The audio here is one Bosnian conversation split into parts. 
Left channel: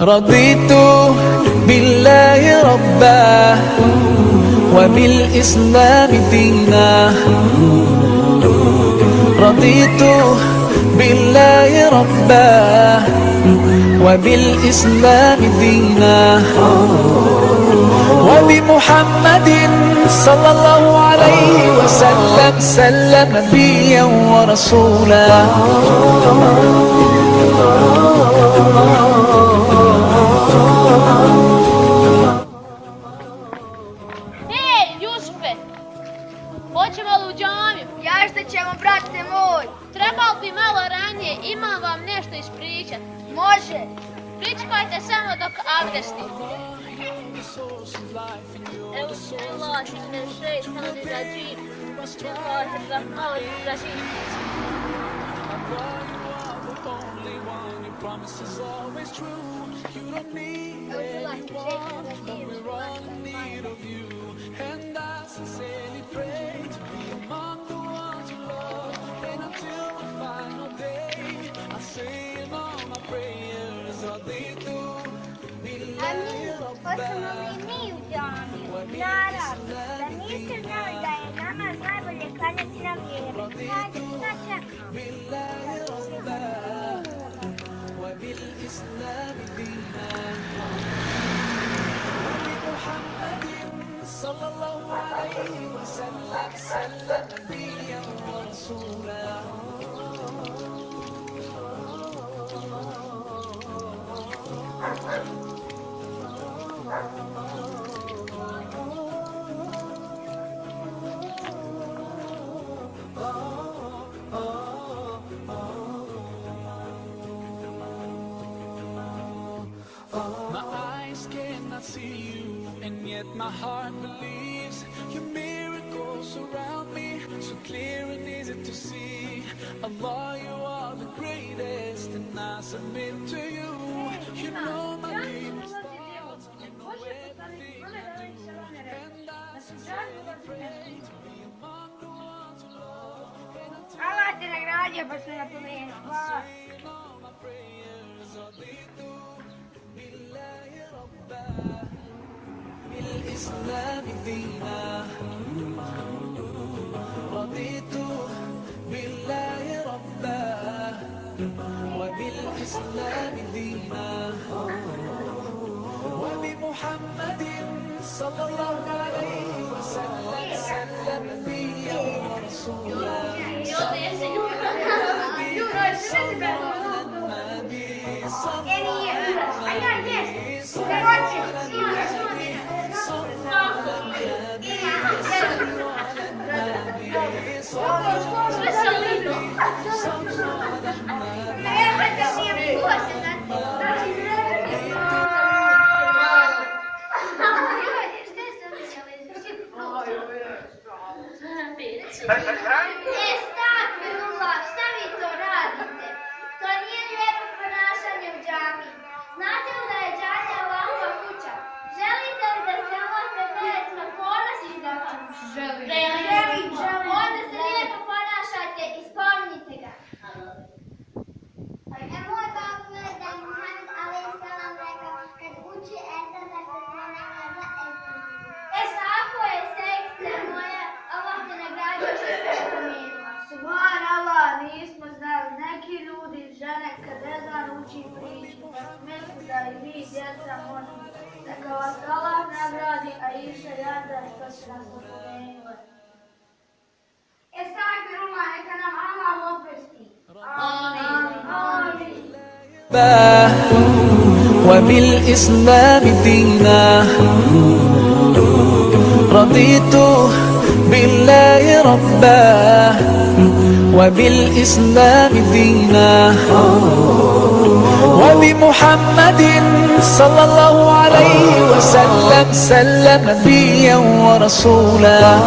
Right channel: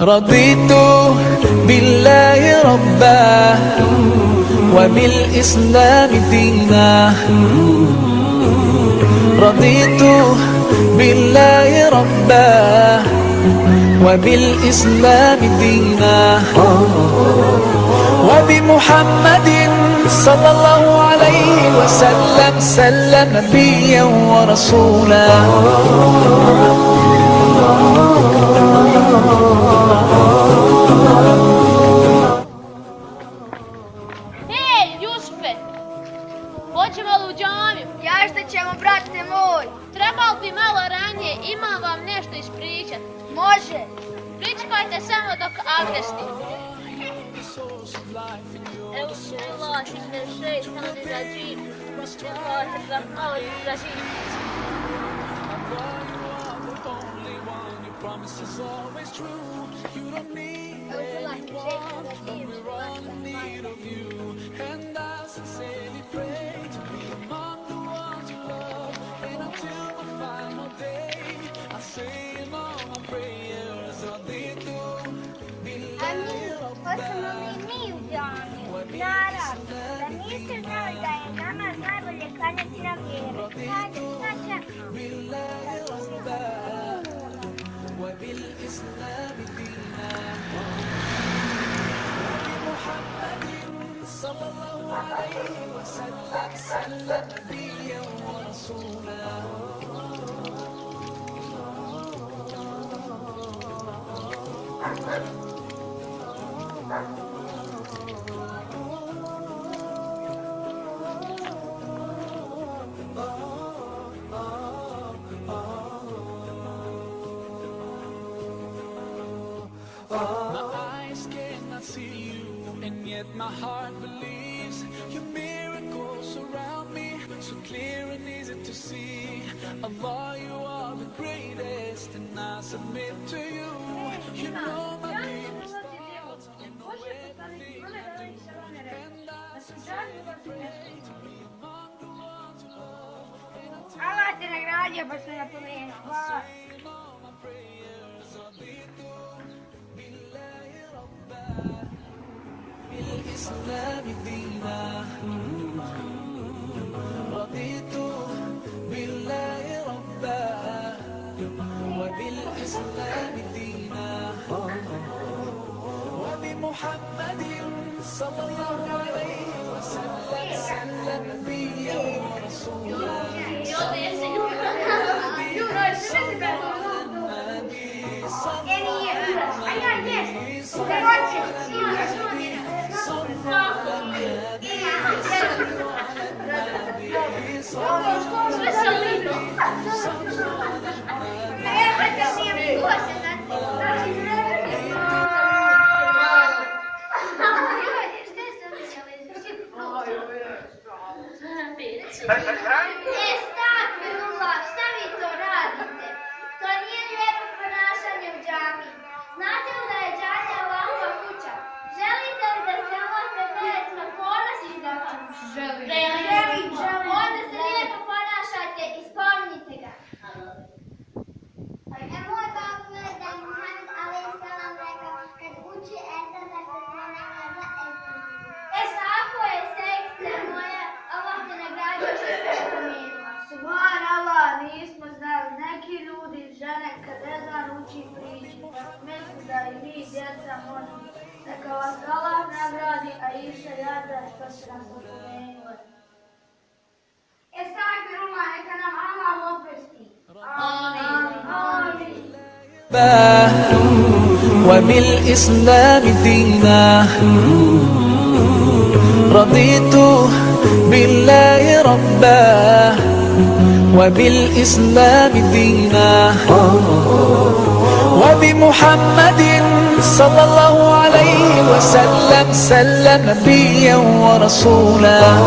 رضيت بالله ربا وبالإسلام دينا رضيت بالله ربا وبالإسلام دينا وبمحمد صلى الله عليه وسلم سلم نبيا ورسولا Hej, Jusufe, hoćemo li u džamiju? Ja što ćemo, brate moj? Trebalo bi malo ranije, imam vam nešto ispričat. Može. Pričekajte samo dok abdestim. Promise is always true. You don't need anyone, but we're all in need of you. And I sincerely pray to be among the ones you love. And until my final day, I say in all my prayers, Raditu billahi Hoćemo li mi u džamiju? Naravno, da niste znali da je namaz najbolje klanjati na vjeru. Hajde, šta čekamo? billahi rabbah وبالإسلام دينا وبمحمد صلى الله عليه وسلم سلم نبيا ورسولا My eyes cannot see you, and yet my heart believes your miracles surround me, so clear and easy to see. Allah, you are the greatest, and I submit to you. You know my deepest thoughts, you know everything I do, and I sincerely pray to be among the ones you love. And until Allah te nagradio pa što napomenuo. Hvala. in all my prayers, Raditu بالله ربا بالإسلام دينا رضيت بالله ربا وبالإسلام دينا وبمحمد صلى الله عليه وسلم سلم نبيا ورسولا Estağfirullah, šta vi to radite? To nije lijepo ponašanje u džamiji. Znate li da je džamija Allahova kuća? Želite li da se Allah pred ponosi za vas? Želim. Onda se lijepo ponašajte i spominjite ga. Moj babo je da je Muhammed a.s. rekao kad uči ezan da se ponekad za ezan. Tako je, sekce moja, Allah te nagradio što se spomenula. Subhanallah, nismo znali. Neki ljudi i žene kad ezan uči priču, pa misli da i mi djeca možemo. Neka vas Allah nagradi, a iša jada što se nas opomenule. Estağfirullah, neka nam Allah oprosti. Amin. وبالإسلام دينا رضيت بالله ربا وبالإسلام دينا وبمحمد صلى الله عليه وسلم سلم نبيا ورسولا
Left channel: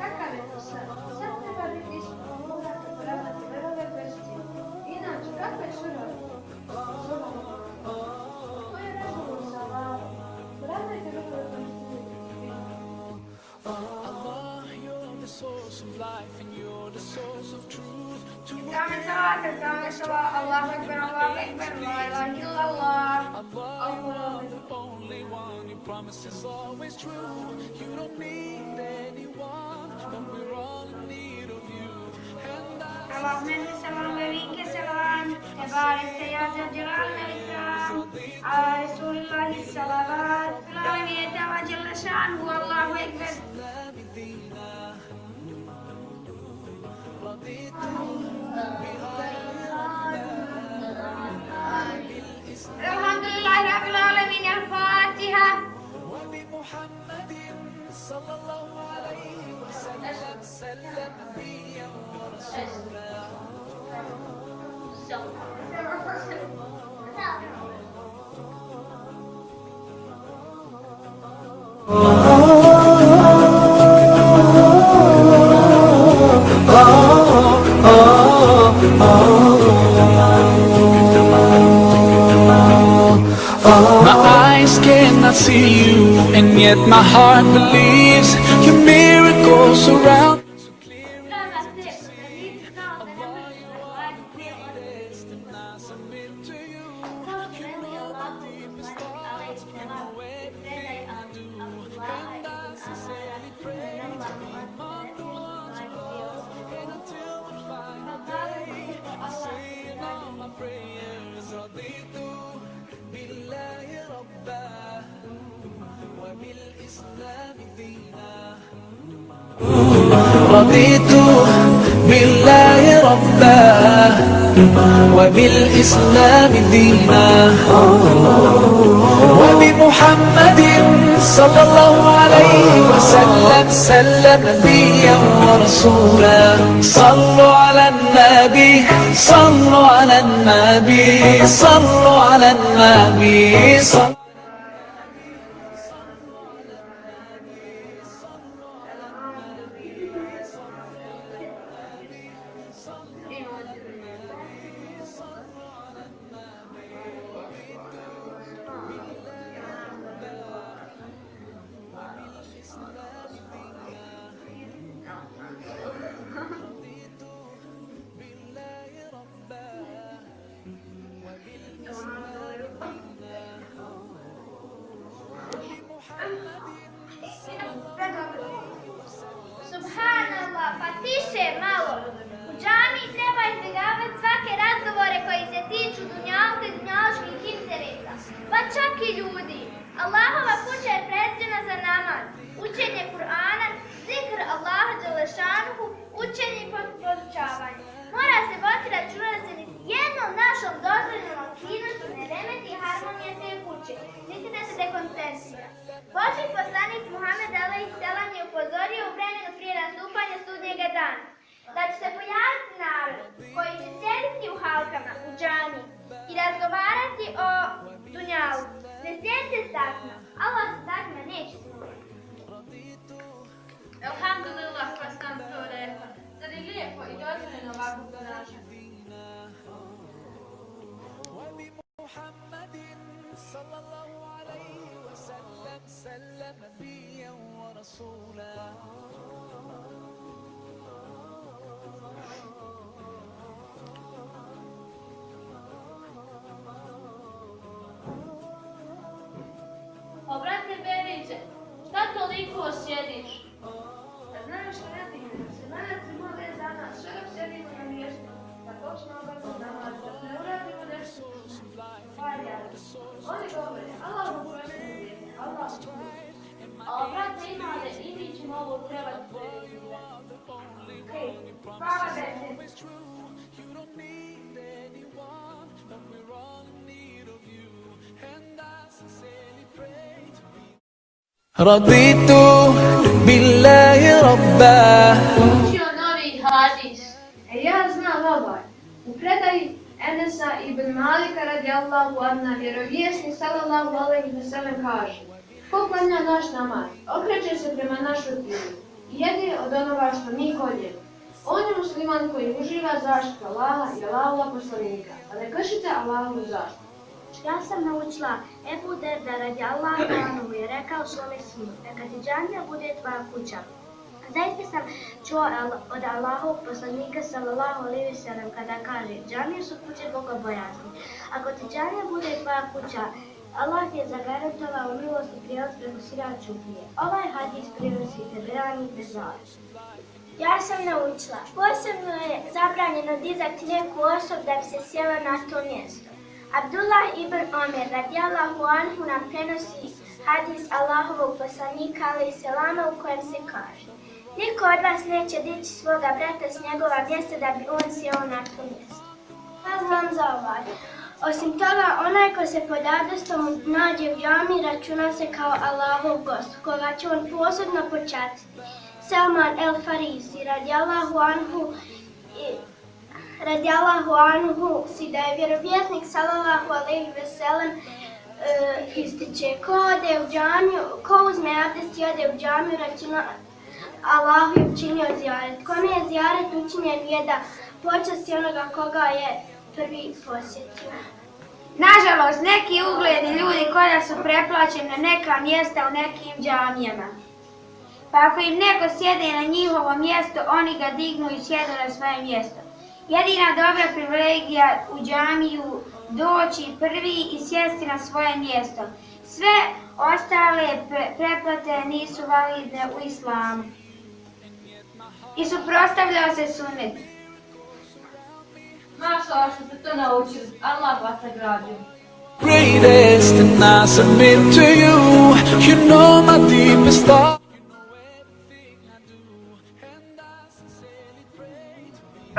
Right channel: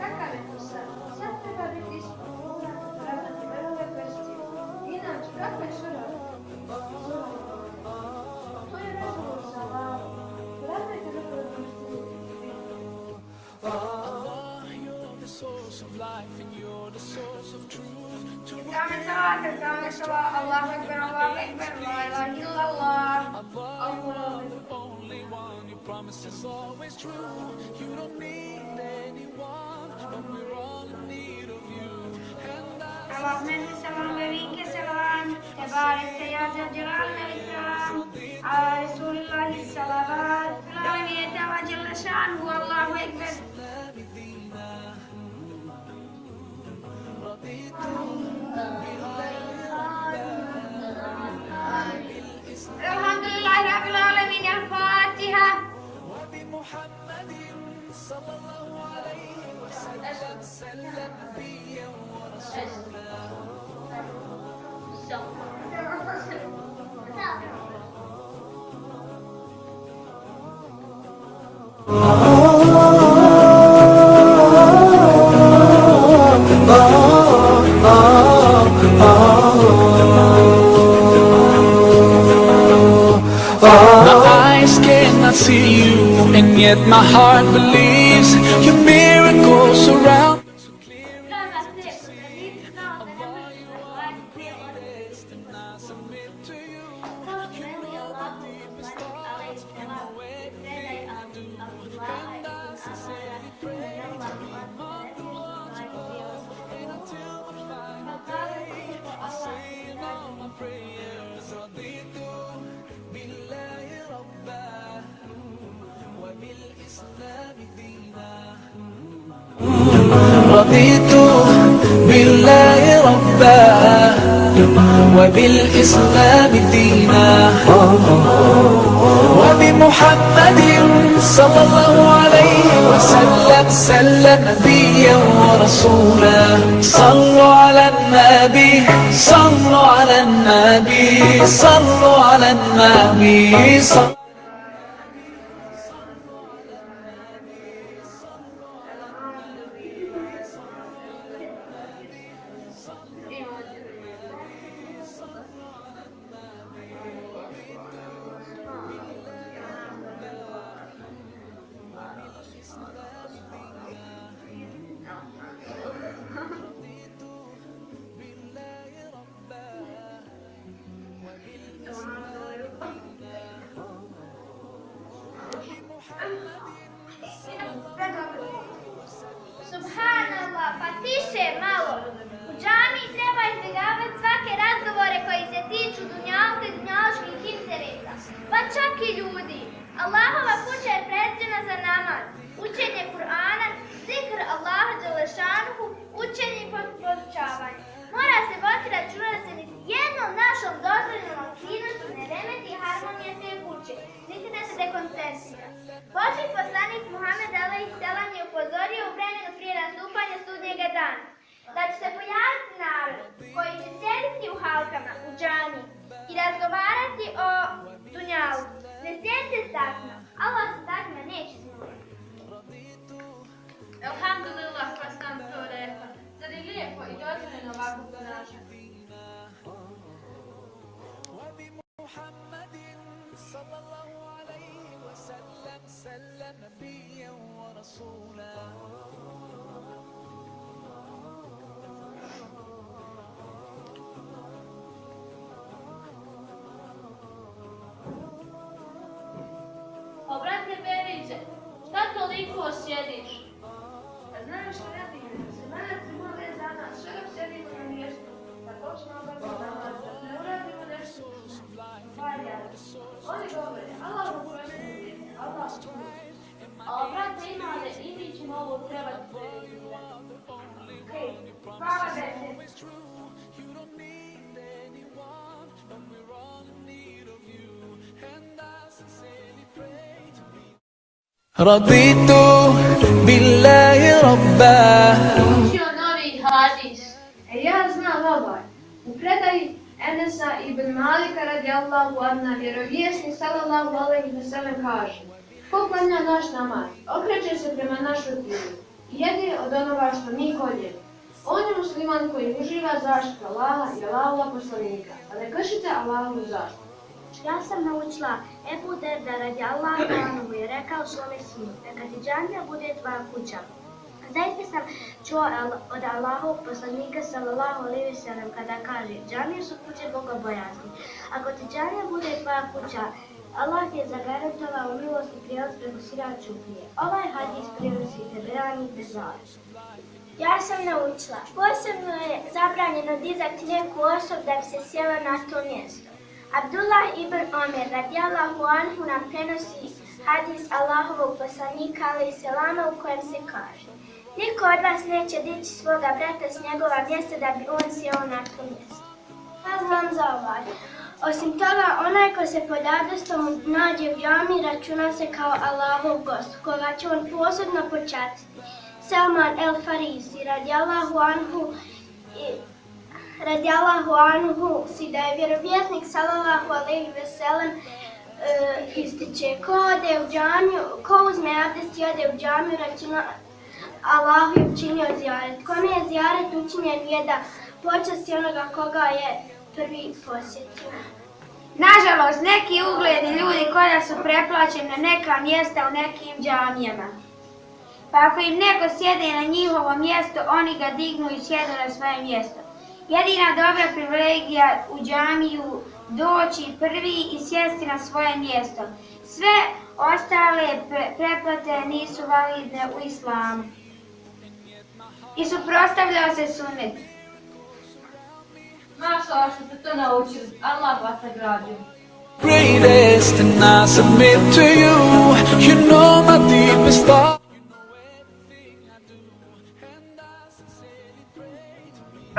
Kakav je to sad? Sad treba biti ispod, morate poravnati vrove prstiju. Inače, kakva je sura? Sura Namaza. To je razgovor sa Allahom. Poravnajte vrove prstiju. Allah, you're the source of life and you're the source Kamen salat, Allahu Akbar, la ilaha illallah, Allahu Akbar. Only one, your promise is always true. You don't need anyone, but we're all in need of you. And Allahümme selam ve minke selam, tebarek ya celal ve ikram, ala Resulillahi salavat, fil alemiyete ve celle şanhu, Allahu Ekber. Elhamdülillahi Rabbil alemin, el-Fatiha. وبمحمد صلى الله عليه وسلم سلم نبيا ورسولا. My eyes cannot see you, and yet my heart believes your miracles surround me. So clear and I submit to you. You know my deepest thoughts, you know everything I do. And I sincerely pray to be among the ones you love. And until my final day, I say in all my prayers, Raditu billahi rabba wa bil islam dina. رضيت بالله ربا وبالإسلام دينا وبمحمد صلى الله عليه وسلم سلم نبيا ورسولا. صلوا على النبي صلوا على النبي صلوا على النبي صلوا. Subhanallah, pa tiše malo. U džamiji treba izbjegavati svake razgovore koji se tiču dunjalka i dunjaloških interesa, pa čak i ljudi. Allahova kuća je predviđena za namaz, učenje Kur'ana, zikr Allaha dželešanuhu, učenje i podučavanje. Mora se voditi računa da se niti jednom našom dozvoljenom aktivnošću ne remeti harmonija te kuće, niti da se dekoncentrira. Božji poslanik Muhammed a.s. je upozorio u vremenu prije nastupanja sudnjega dana da će se pojaviti narod koji će sjediti u halkama, u džamiji i razgovarati o dunjalu. Ne sjedite s takvima, Allah se takvima neće smijeti. Elhamdulillah, pa sam to rekla. Zar je lijepo i dozvoljeno ovako ponašati? وبمحمد صلى الله عليه وسلم سلم نبيا ورسولا. O, brate Beriđe, šta toliko sjediš? Znaš što ne digne, se meleci mole za nas, što dok sjedimo na mjestu, da počne obavljati namaz, da ne uradimo nešto valja. Oni govore, Allah u Kur'anu, Allah u Kur'anu. O, brate, imale, i mi ćemo ovo trebati preizirati. Hej, hvala Bete. You don't need anyone, but we're all in need of you. And I sincerely pray to be. رضيت بالله ربا. Učio novi hadis. Ja znam ovaj. U predaji Enesa ibn Malika radijallahu anhu vjerovjesnik sallallahu alejhi ve sellem kaže: ko klanja naš namaz, okreće se prema našoj kibli i jede od onoga što mi koljemo. On je musliman koji uživa zaštitu Allaha i Allahova poslanika, a ne kršite Allahovu zaštitu. Ja sam naučila Ebu Derda radijallahu anhu je rekao svome sinu, neka ti džamija bude tvoja kuća, a Zaista sam čuo od Allahovog poslanika sallallahu alejhi ve sellem kada kaže: džamije su kuće bogobojazni. Ako ti džamija bude tvoja kuća, Allah ti je zagarantovao milost i prijelaz preko sirat čuprije. Ovaj hadis prenosi Taberani Bezar. Ja sam naučila, posebno je zabranjeno dizati neku osobu da bi se sjela na to mjesto. Abdullah ibn Omer radijallahu anhu nam prenosi hadis Allahovog poslanika alejhi selama u kojem se kaže: niko od vas neće dići svoga brata s njegova mjesta da bi on sjeo na to mjesto. Ja znam za ovaj. Osim toga, onaj ko se pod abdestom nađe u džami računa se kao Allahov gost, koga će on posebno počastiti. Salman el-Farisi radijallahu anhu si da je vjerovjesnik sallallahu alejhi ve sellem ističe: ko uzme abdest i ode u džamiju, računa Allahu je učinio zijaret. Kome je zijaret učinjen je da počasti onoga koga je prvi posjetio. Nažalost, neki ugledni ljudi koja su preplaćeni na neka mjesta u nekim džamijama. Pa ako im neko sjede na njihovo mjesto, oni ga dignu i sjedu na svoje mjesto. Jedina dobra privilegija u džamiju doći prvi i sjesti na svoje mjesto. Sve ostale preplate nisu validne u islamu. I suprotstavljao se sunnet. Mašala što ste to naučili, Allah vas nagradio. Greatest, and I submit to you. You know my deepest thought. You know everything I do, and I sincerely pray to be.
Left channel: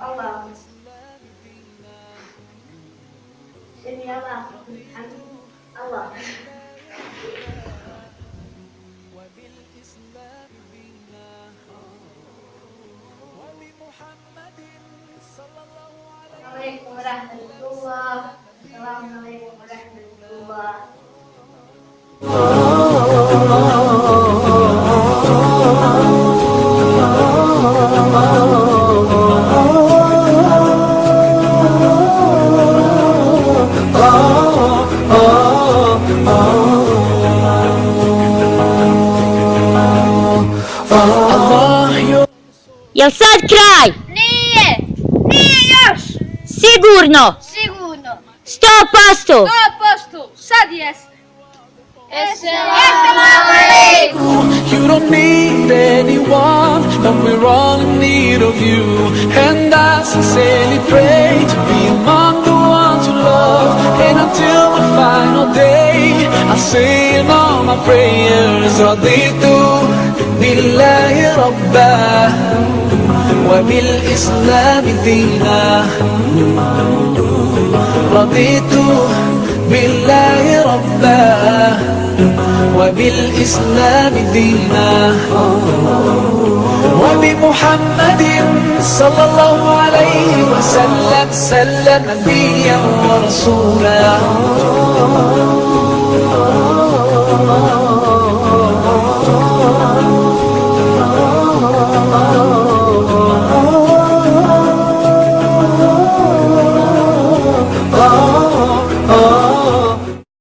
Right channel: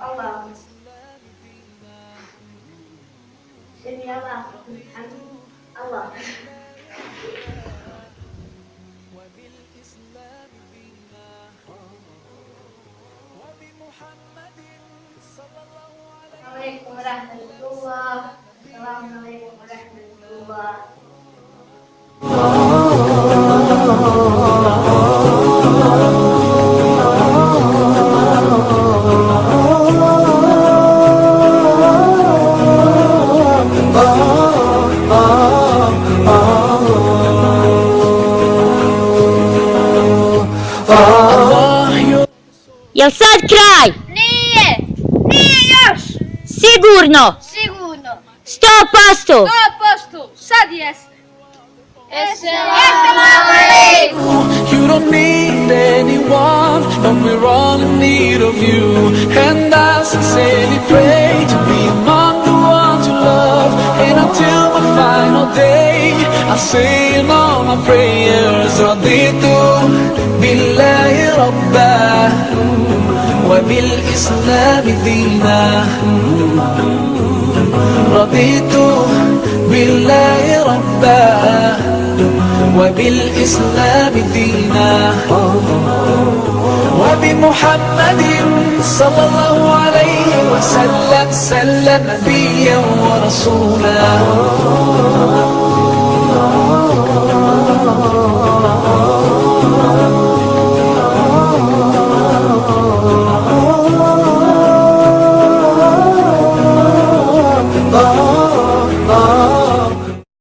Allah. Semi Allah. Allah. Assalamualaikum warahmatullah. Assalamualaikum warahmatullah. Jel sad kraj? Nije još. Sigurno? Sigurno. 100%? 100%, sad jeste. You don't need anyone, but we're all in need of you. And I sincerely pray to be among the ones you love. And until my final day, I'll say in all my prayers, Raditu billahi rabba wa bil islami dina. رضيت بالله ربا وبالإسلام دينا وبمحمد صلى الله عليه وسلم نبيا ورسولا